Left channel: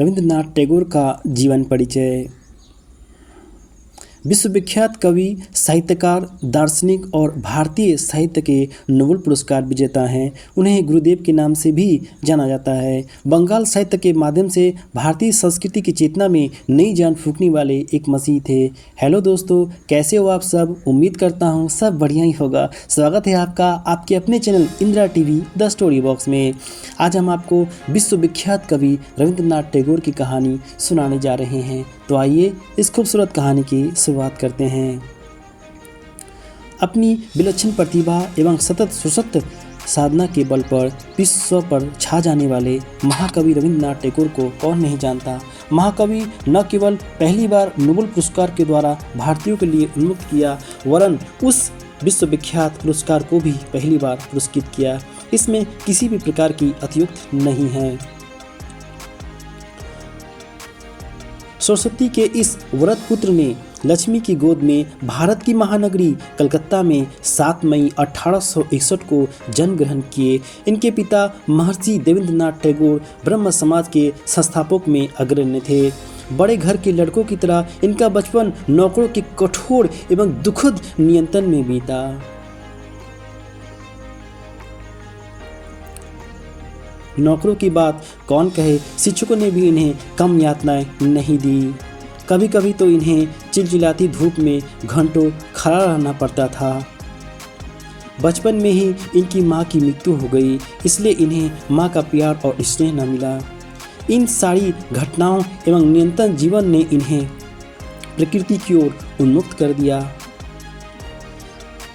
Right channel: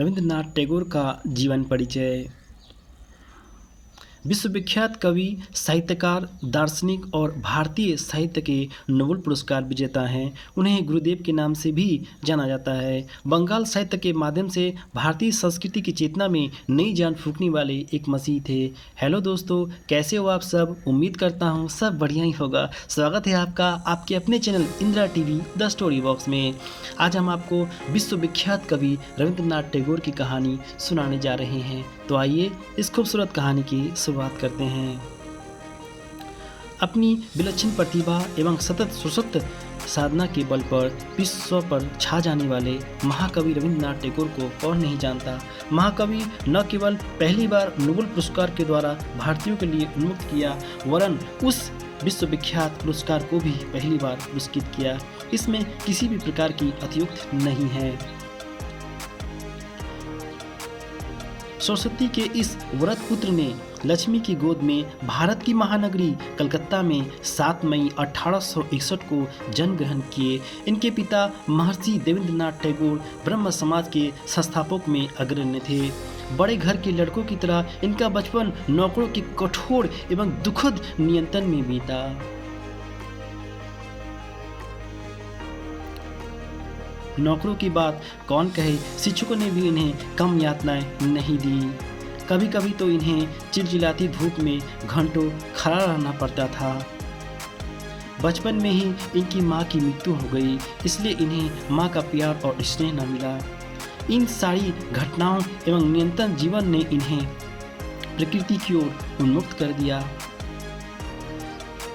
रविंद्रनाथ टैगोर का जीवन परिचय। विश्वविख्यात कवि, साहित्यकार, दार्शनिक और भारतीय साहित्य के नोबेल पुरस्कार विजेता हैं। उन्हें गुरुदेव के नाम से भी जाना जाता है। बंगाल साहित्य के माध्यम से भारतीय संस्कृति की चेतना में नई जान फूंकने वाले एक मसीह थे। हेलो दोस्तों, कैसे हो आप सब? उम्मीद करता हूँ सब बढ़िया ही होगा। स्वागत है आपका आपके अपने channel Indira TV the story box में। आज हम आपको विश्वविख्यात कवि रविंद्रनाथ टैगोर की कहानी सुनाने जा रहे हैं। तो आइए इस खूबसूरत कहानी की शुरुआत करते हैं। अपनी विलक्षण प्रतिभा एवं सतत सुसक्त साधना के बल पर विश्व पर छा जाने वाले महाकवि रविंद्रनाथ टैगोर को कौन नहीं जानता। महाकवि न केवल पहली बार नोबेल पुरस्कार के द्वारा भारतीयों के लिए उन्मुक्त किया, वरन उस विश्वविख्यात पुरस्कार को भी पहली बार पुरस्कृत किया। इसमें किसी भी प्रकार की अतियुक्ति नहीं है। सरस्वती के इस व्रत पुत्र ने लक्ष्मी की गोद में भारत की महानगरी कलकत्ता में 7 मई 1861 को जन्म ग्रहण किए। इनके पिता महर्षि देवेंद्रनाथ टैगोर ब्रह्म समाज के संस्थापक में अग्रणी थे। बड़े घर के लड़कों की तरह इनका बचपन नौकरों के कठोर एवं दुखद नियंत्रण में बीता। नौकरों की बात कौन कहे, शिक्षकों ने भी इन्हें कम यातनाएं नहीं दी। कभी कभी तो इन्हें चिलचिलाती धूप में घंटों खड़ा रहना पड़ता था। बचपन में ही इनकी मां की मृत्यु हो गई, इसलिए इन्हें मां का प्यार और स्नेह न मिला। इन सारी घटनाओं एवं निरंतर जीवन ने इन्हें प्रकृति की ओर उन्मुक्त कर दिया।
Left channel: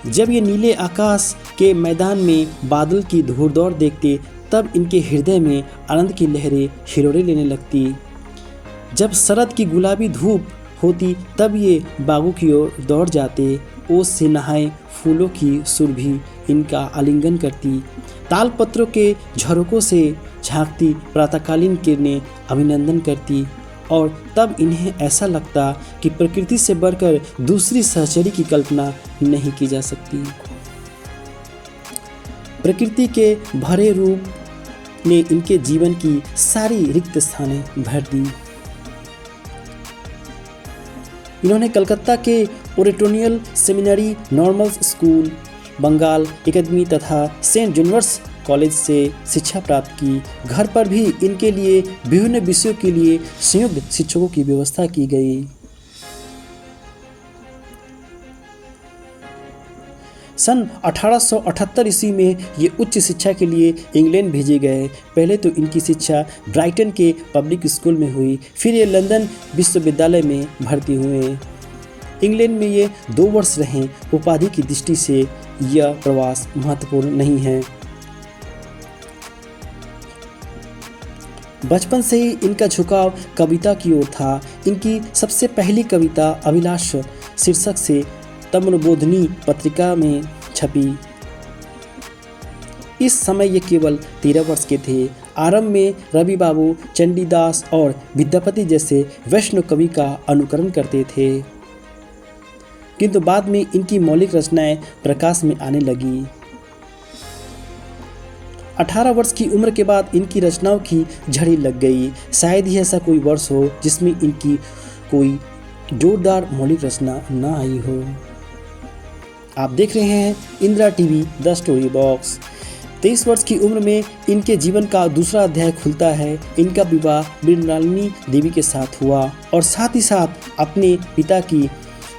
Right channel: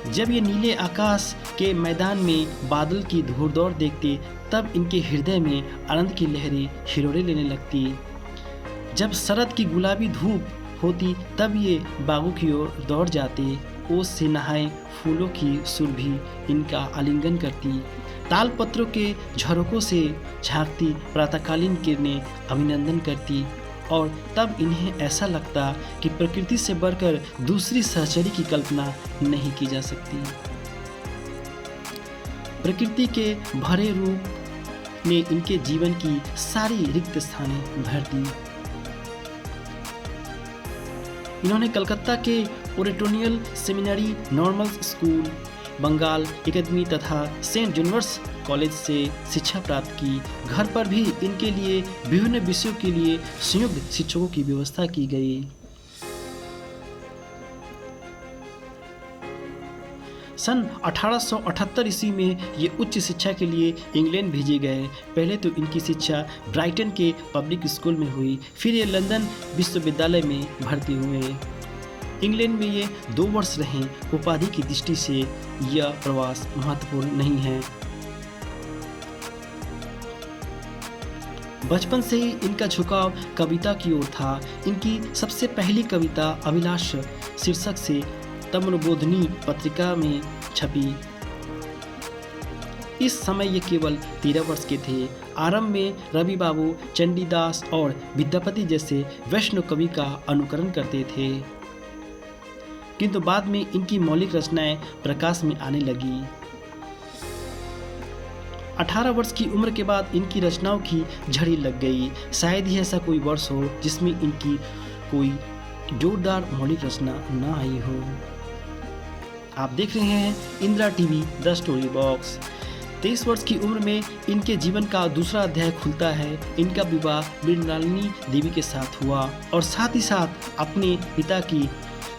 जब ये नीले आकाश के मैदान में बादल की धूल-दौड़ देखते, तब इनके हृदय में आनंद की लहरें हिलोरे लेने लगती। जब शरद की गुलाबी धूप होती, तब ये बागों की ओर दौड़ जाते। ओस से नहाए फूलों की सुरभि इनका आलिंगन करती। ताल पत्रों के झरोकों से झांकती प्रातःकालीन किरणें अभिनंदन करती, और तब इन्हें ऐसा लगता कि प्रकृति से बढ़कर दूसरी सहचरी की कल्पना नहीं की जा सकती। प्रकृति के भरे रूप ने इनके जीवन की सारी रिक्त स्थानें भर दी। इन्होंने कलकत्ता के oriental seminary, normal school, Bengal academy तथा सेंट जूनियर्स कॉलेज से शिक्षा प्राप्त की। घर पर भी इनके लिए विभिन्न विषयों के लिए संयुक्त शिक्षकों की व्यवस्था की गई। सन 1878 ईस्वी में ये उच्च शिक्षा के लिए इंग्लैंड भेजे गए। पहले तो इनकी शिक्षा ब्राइटन के पब्लिक स्कूल में हुई, फिर ये लंदन विश्वविद्यालय में भर्ती हुए। इंग्लैंड में ये 2 वर्ष रहे। उपाधि की दृष्टि से यह प्रवास महत्वपूर्ण नहीं है। बचपन से ही इनका झुकाव कविता की ओर था। इनकी सबसे पहली कविता अभिलाष शीर्षक से तमनबोधिनी पत्रिका में छपी। इस समय ये केवल 13 वर्ष के थे। आरंभ में रवि बाबू, चंडीदास और विद्यापति जैसे वैष्णव कवि का अनुकरण करते थे, किंतु बाद में इनकी मौलिक रचनाएं प्रकाश में आने लगी। 18 वर्ष की उम्र के बाद इनकी रचनाओं की झड़ी लग गई। शायद ही ऐसा कोई वर्ष हो जिसमें इनकी कोई जोरदार मौलिक रचना न आई हो। आप देख रहे हैं Indira TV the story box. 23 वर्ष की उम्र में इनके जीवन का दूसरा अध्याय खुलता है। इनका विवाह मृणालिनी देवी के साथ हुआ, और साथ ही साथ अपने पिता की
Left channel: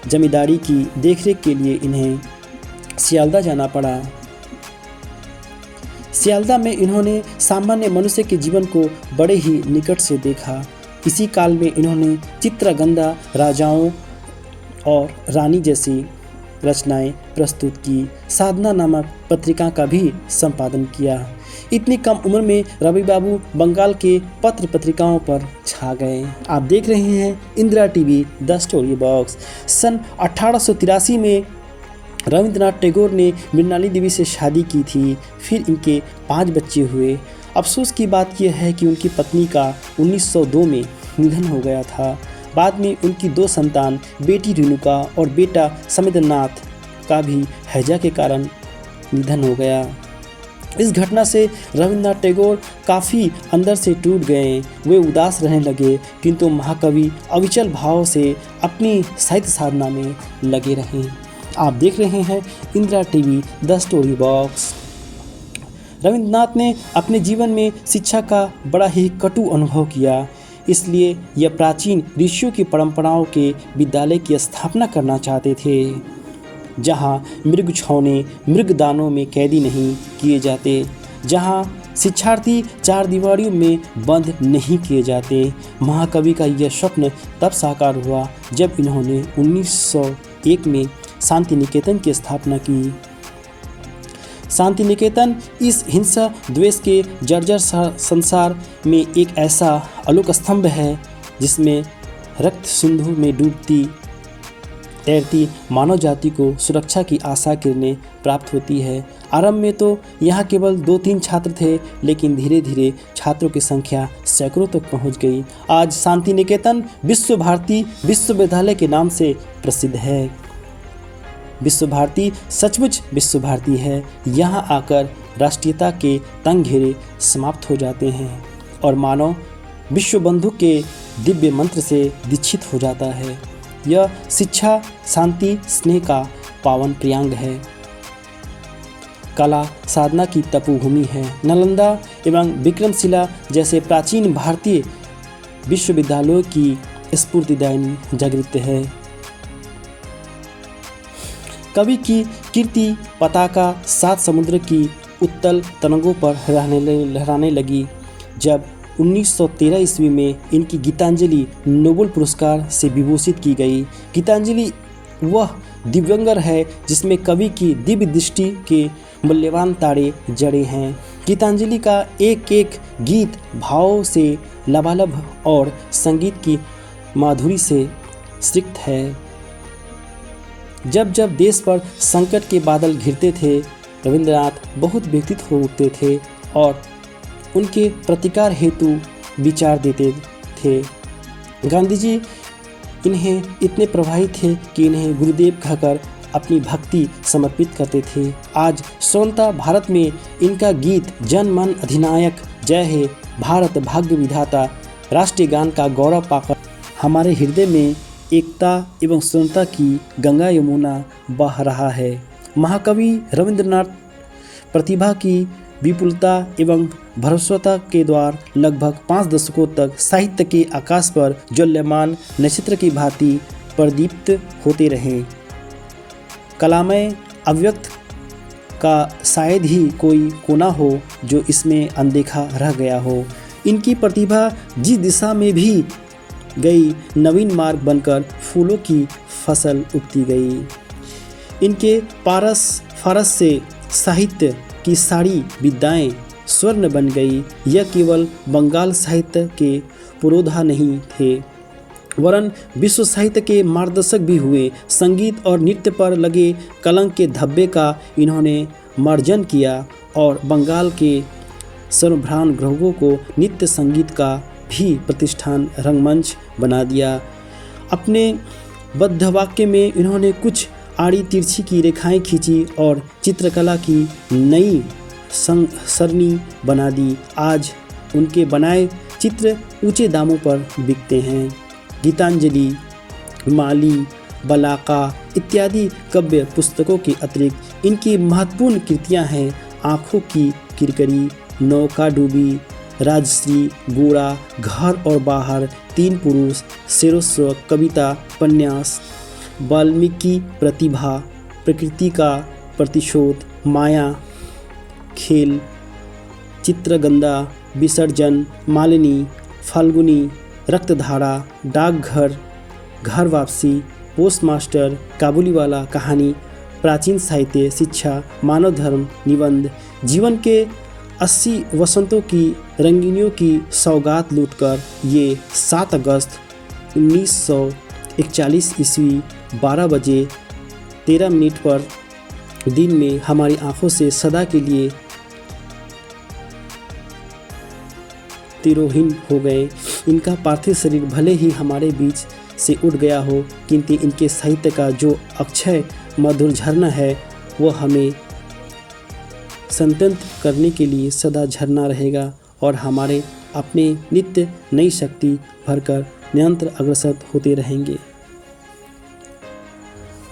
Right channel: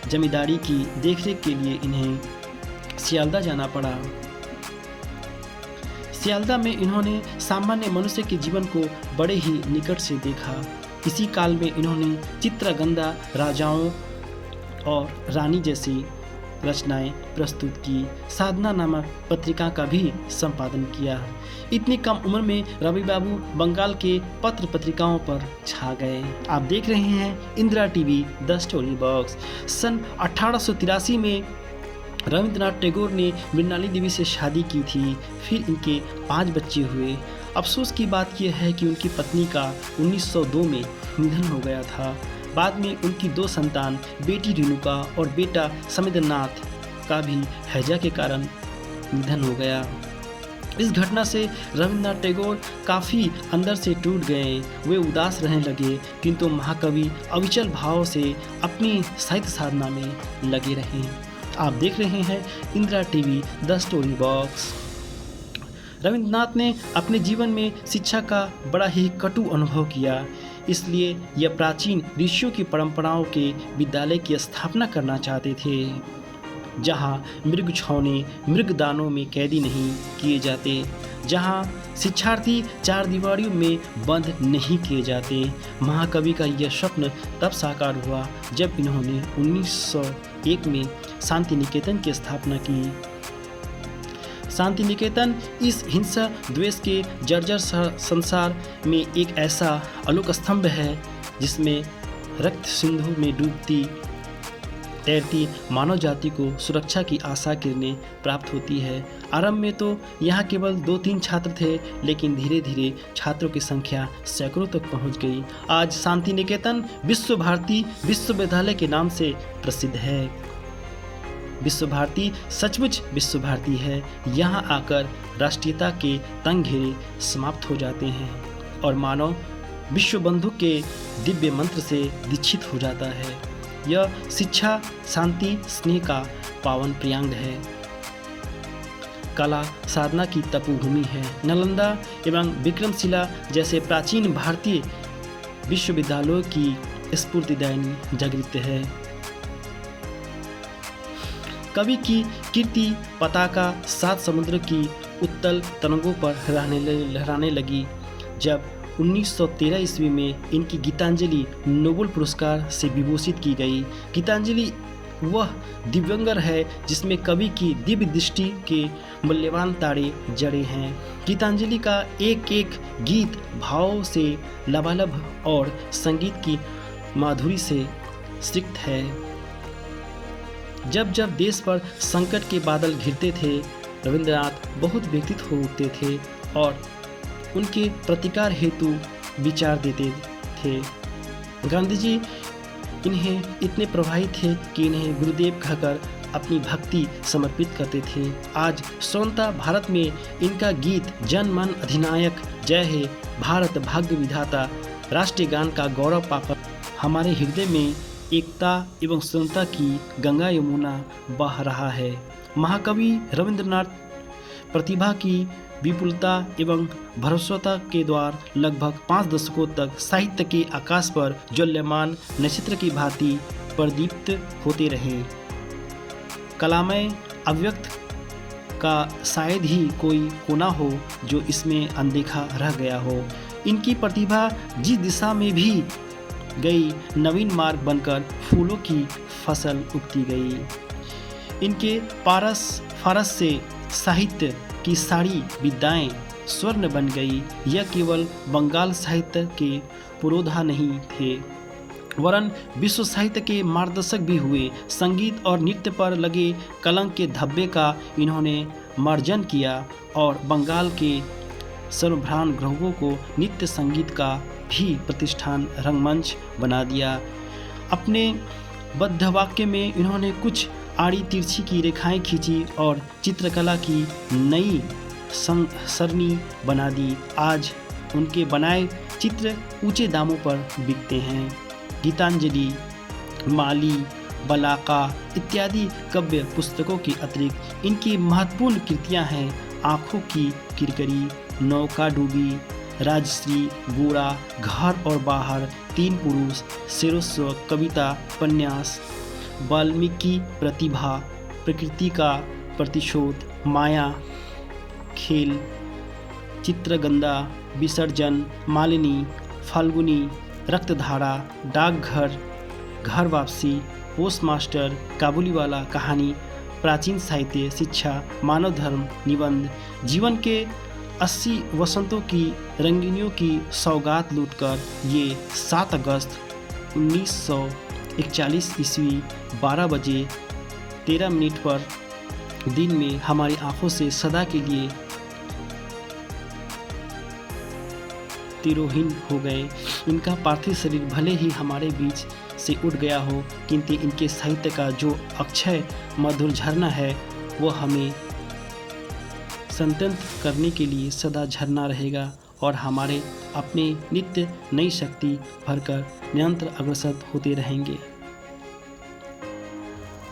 जमींदारी की देखरेख के लिए इन्हें सियालदा जाना पड़ा। सियालदा में इन्होंने सामान्य मनुष्य के जीवन को बड़े ही निकट से देखा। इसी काल में इन्होंने चित्रगंधा, राजाओं और रानी जैसी रचनाएं प्रस्तुत की। साधना नामक पत्रिका का भी संपादन किया। इतनी कम उम्र में रवि बाबू बंगाल के पत्र पत्रिकाओं पर छा गए। आप देख रहे हैं Indira TV the story box. सन 1883 में रविंद्रनाथ टैगोर ने मृणालिनी देवी से शादी की थी। फिर इनके 5 बच्चे हुए। अफसोस की बात यह है कि उनकी पत्नी का 1902 में निधन हो गया था। बाद में उनकी 2 संतान, बेटी रेणुका और बेटा समिंद्रनाथ का भी हैजा के कारण निधन हो गया। इस घटना से रविन्द्रनाथ टैगोर काफ़ी अंदर से टूट गए। वे उदास रहने लगे, किंतु महाकवि अविचल भाव से अपनी साहित्य साधना में लगे रहे। आप देख रहे हैं Indira TV the story box. Rabindranath ने अपने जीवन में शिक्षा का बड़ा ही कटु अनुभव किया, इसलिए यह प्राचीन ऋषियों की परंपराओं के विद्यालय की स्थापना करना चाहते थे, जहाँ मृग छौने मृगदानों में कैदी नहीं किए जाते, जहाँ शिक्षार्थी चार दीवारियों में बंद नहीं किए जाते। महाकवि का यह स्वप्न तब साकार हुआ जब इन्होंने 1901 में शांति निकेतन की स्थापना की। शांति निकेतन इस हिंसा द्वेष के जर्जर संसार में एक ऐसा अलोक स्तंभ है जिसमें रक्त सिंधु में डूबती तैरती मानव जाति को सुरक्षा की आशा किरणें प्राप्त होती है। आरंभ में तो यहाँ केवल 2-3 छात्र थे, लेकिन धीरे धीरे छात्रों की संख्या सैकड़ों तक पहुँच गई। आज शांति निकेतन विश्व भारती विश्वविद्यालय के नाम से प्रसिद्ध है। विश्व भारती सचमुच विश्व भारती है। यहाँ आकर राष्ट्रीयता के तंग घेरे समाप्त हो जाते हैं और मानव विश्व बंधु के दिव्य मंत्र से दीक्षित हो जाता है। यह शिक्षा, शांति, स्नेह का पावन प्रियांग है। कला साधना की तपोभूमि है। नालंदा एवं विक्रमशिला जैसे प्राचीन भारतीय विश्वविद्यालयों की स्फूर्तिदायिनी जागृत है। कवि की कीर्ति पताका 7 समुद्र की उत्तल तरंगों पर लहराने लगी जब 1913 ईस्वी में इनकी गीतांजलि नोबेल पुरस्कार से विभूषित की गई। गीतांजलि वह दिव्यंगर है जिसमें कवि की दिव्य दृष्टि के मूल्यवान तारे जड़े हैं। गीतांजलि का एक एक गीत भावों से लबालब और संगीत की माधुरी से सिक्त है। जब जब देश पर संकट के बादल घिरते थे, रविन्द्रनाथ बहुत व्यथित हो उठते थे और उनके प्रतिकार हेतु विचार देते थे। गांधी जी इन्हें इतने प्रभावित थे कि इन्हें गुरुदेव कहकर अपनी भक्ति समर्पित करते थे। आज स्वतंत्रता भारत में इनका गीत जन मन अधिनायक जय हे भारत भाग्य विधाता राष्ट्रीय गान का गौरव पाकर हमारे हृदय में एकता एवं स्वतंत्रता की गंगा यमुना बह रहा है। महाकवि रविन्द्रनाथ प्रतिभा की विपुलता एवं भरसता के द्वार लगभग 5 दशकों तक साहित्य के आकाश पर ज्वल्यमान नक्षत्र की भांति प्रदीप्त होते रहे। कलामय अव्यक्त का शायद ही कोई कोना हो जो इसमें अनदेखा रह गया हो। इनकी प्रतिभा जिस दिशा में भी गई नवीन मार्ग बनकर फूलों की फसल उगती गई। इनके फारस से साहित्य की सारी विद्याएं स्वर्ण बन गई। यह केवल बंगाल साहित्य के पुरोधा नहीं थे, वरन विश्व साहित्य के मार्गदर्शक भी हुए। संगीत और नृत्य पर लगे कलंक के धब्बे का इन्होंने मार्जन किया और बंगाल के सर्वभ्रांत ग्रहों को नित्य संगीत का भी प्रतिष्ठान रंगमंच बना दिया। अपने बद्ध वाक्य में इन्होंने कुछ आड़ी तिरछी की रेखाएं खींची और चित्रकला की नई सरनी बना दी। आज उनके बनाए चित्र ऊंचे दामों पर बिकते हैं। गीतांजलि, माली, बलाका इत्यादि काव्य पुस्तकों के अतिरिक्त इनकी महत्वपूर्ण कृतियां हैं आँखों की किरकिरी, नौका डूबी, राजश्री, गोरा, घर और बाहर, 3 पुरुष, शेरोस्व, कविता, उपन्यास, वाल्मीकि प्रतिभा, प्रकृति का प्रतिशोध, माया, खेल, चित्रगंधा, विसर्जन, मालिनी, फाल्गुनी, रक्तधारा, डाकघर, घर वापसी, पोस्टमास्टर, काबुलीवाला कहानी, प्राचीन साहित्य, शिक्षा, मानव धर्म, निबंध, जीवन के 80 वसंतों की रंगीनियों की सौगात लूटकर ये 7 अगस्त 1941 ईस्वी 12 बजे 13 मिनट पर दिन में हमारी आंखों से सदा के लिए तिरोहिन हो गए। इनका पार्थिव शरीर भले ही हमारे बीच से उठ गया हो, किंतु इनके साहित्य का जो अक्षय मधुर झरना है वो हमें संतत करने के लिए सदा झरना रहेगा और हमारे अपने नित्य नई शक्ति भरकर निरंतर अग्रसर होते रहेंगे।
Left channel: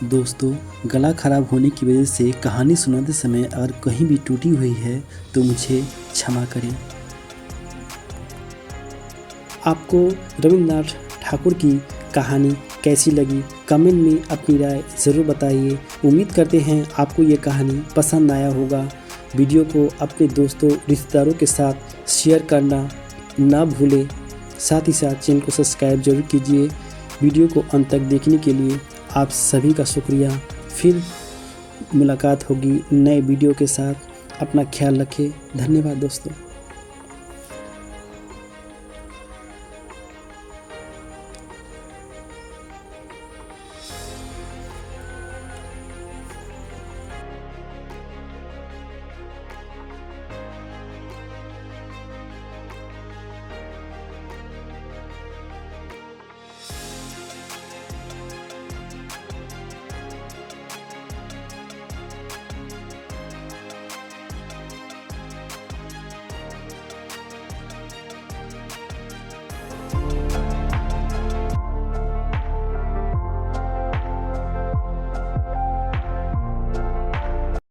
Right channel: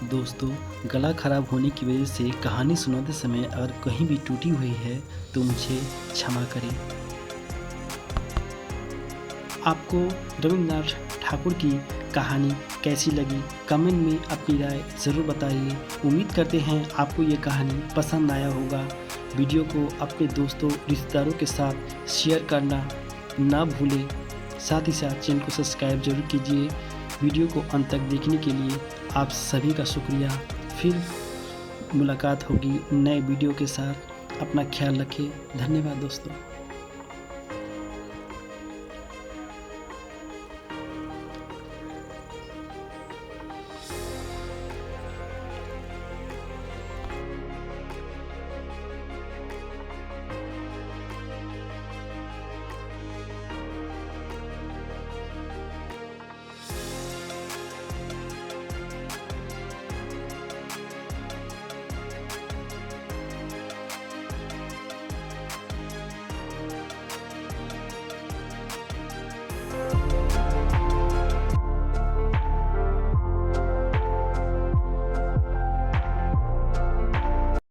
दोस्तों, गला खराब होने की वजह से कहानी सुनाते समय अगर कहीं भी टूटी हुई है तो मुझे क्षमा करें। आपको रविंद्रनाथ ठाकुर की कहानी कैसी लगी, कमेंट में अपनी राय ज़रूर बताइए। उम्मीद करते हैं आपको ये कहानी पसंद आया होगा। वीडियो को अपने दोस्तों रिश्तेदारों के साथ शेयर करना ना भूलें। साथ ही साथ चैनल को सब्सक्राइब जरूर कीजिए। वीडियो को अंत तक देखने के लिए आप सभी का शुक्रिया। फिर मुलाकात होगी नए वीडियो के साथ। अपना ख्याल रखें। धन्यवाद दोस्तों।